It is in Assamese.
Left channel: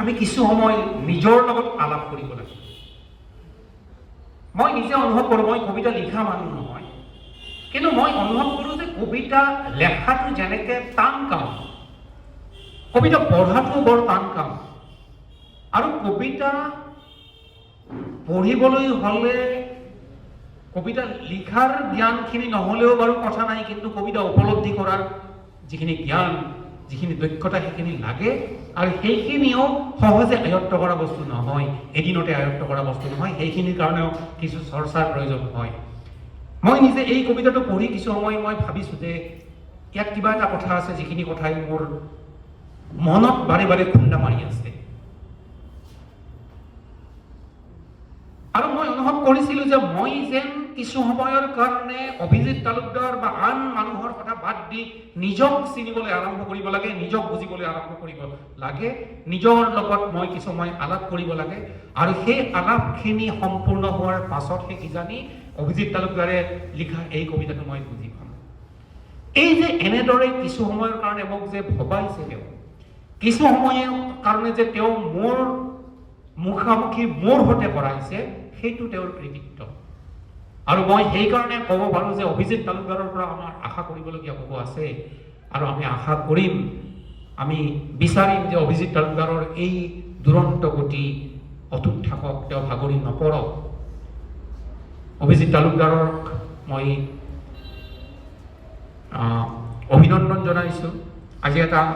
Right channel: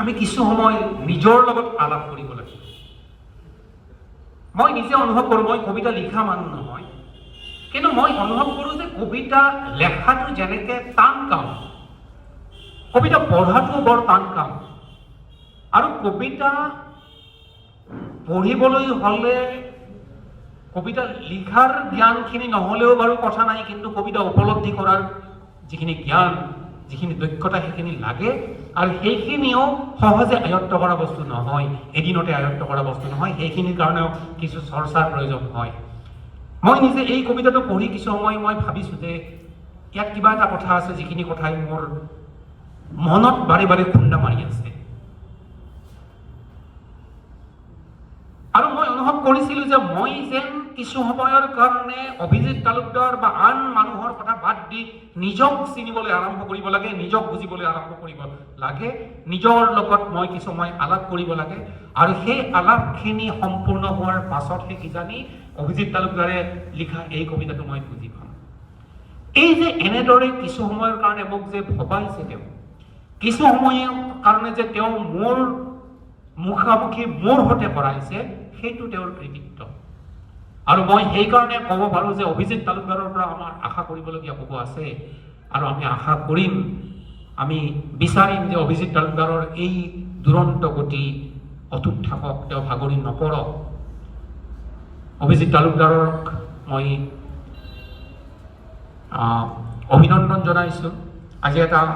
আমি কিছু সময় নিজৰ লগত আলাপ কৰিব লাগে। মই নিজে অনুভৱ কৰোঁ, মই কবিতা লিখা মানুহ নহয়, কিন্তু মই অনুভৱ কৰোঁ যে কবিতা লেখাটো যেনেকৈ টান কাম, কবিতা পঢ়াটো বৰ টান কাম। আৰু কবিতা পঢ়িবলৈ হ'লে কবিতা লিখাৰ জ্ঞানখিনি নহ'লেও বাৰু কথা নাই, কিন্তু কবিতা উপলব্ধি কৰাৰ যিখিনি জ্ঞান, যিখিনি দক্ষতা সেইখিনি লাগে। আৰু সেইখিনিও সহজে আয়ত্ত কৰা বস্তু নহয়, এদিনতে আয়ত্ত কৰা বস্তু নহয়, সেইখিনিৰ কাৰণেও কিছু চৰ্চাৰ প্ৰয়োজন হয়। মই নিজে এই কবিতাটো পঢ়ি কিছু সময় মই ভাবিছোঁ যে ইয়াত কিবা এটা কথা আছে, যিখিনি কথাই মোৰ মনত বাৰে বাৰে খুন্দা মাৰি আছে। আৰু মই অনুভৱ কৰিছিলোঁ যে মই যেন কিছু সময়ৰ কাৰণে অভিজিত তালুকদাৰ বা আন মানুহৰ কথা বাদ দি নিজক চিনিবলৈ আৰম্ভ কৰিব লাগে, নিজক বুজিবলৈ আৰম্ভ কৰিব লাগে, নিজৰ লগত মই কিছু সময় আলাপ কৰিব লাগে। আৰু সেই আলাপখিনি সম্পূৰ্ণ হোৱাৰ পাছতহে কিজানি অভিজিত তালুকদাৰে লিখা এই কবিতাটো মই বুজি পাম। এই যে এনেদৰে কিছু সময়ৰ কাৰণে মোক যে ভবাইছে তেওঁ, কিছু সময়ৰ কাৰণে যে তেওঁ মোৰ মুখামুখি মোৰ সৈতে কৰাইছে, সেইটো তেওঁৰ কৃতিত্ব। আৰু মই সেইকাৰণে ক'ব পাৰোঁ যে অভিজিত তালুকদাৰৰ পৰা আমাৰ আশা কৰিবলগীয়া বহু আছে। আৰু আমি আশা কৰিম, আমি বিচাৰিম যে অভিজিত তালুকদাৰৰ এই দুৰন্ত গতি অটুট থাকক, তেওঁ ভাগৰি নপৰক। অভিজিত তালুকদাৰক মই অভিনন্দন জনাইছোঁ। আজি এটা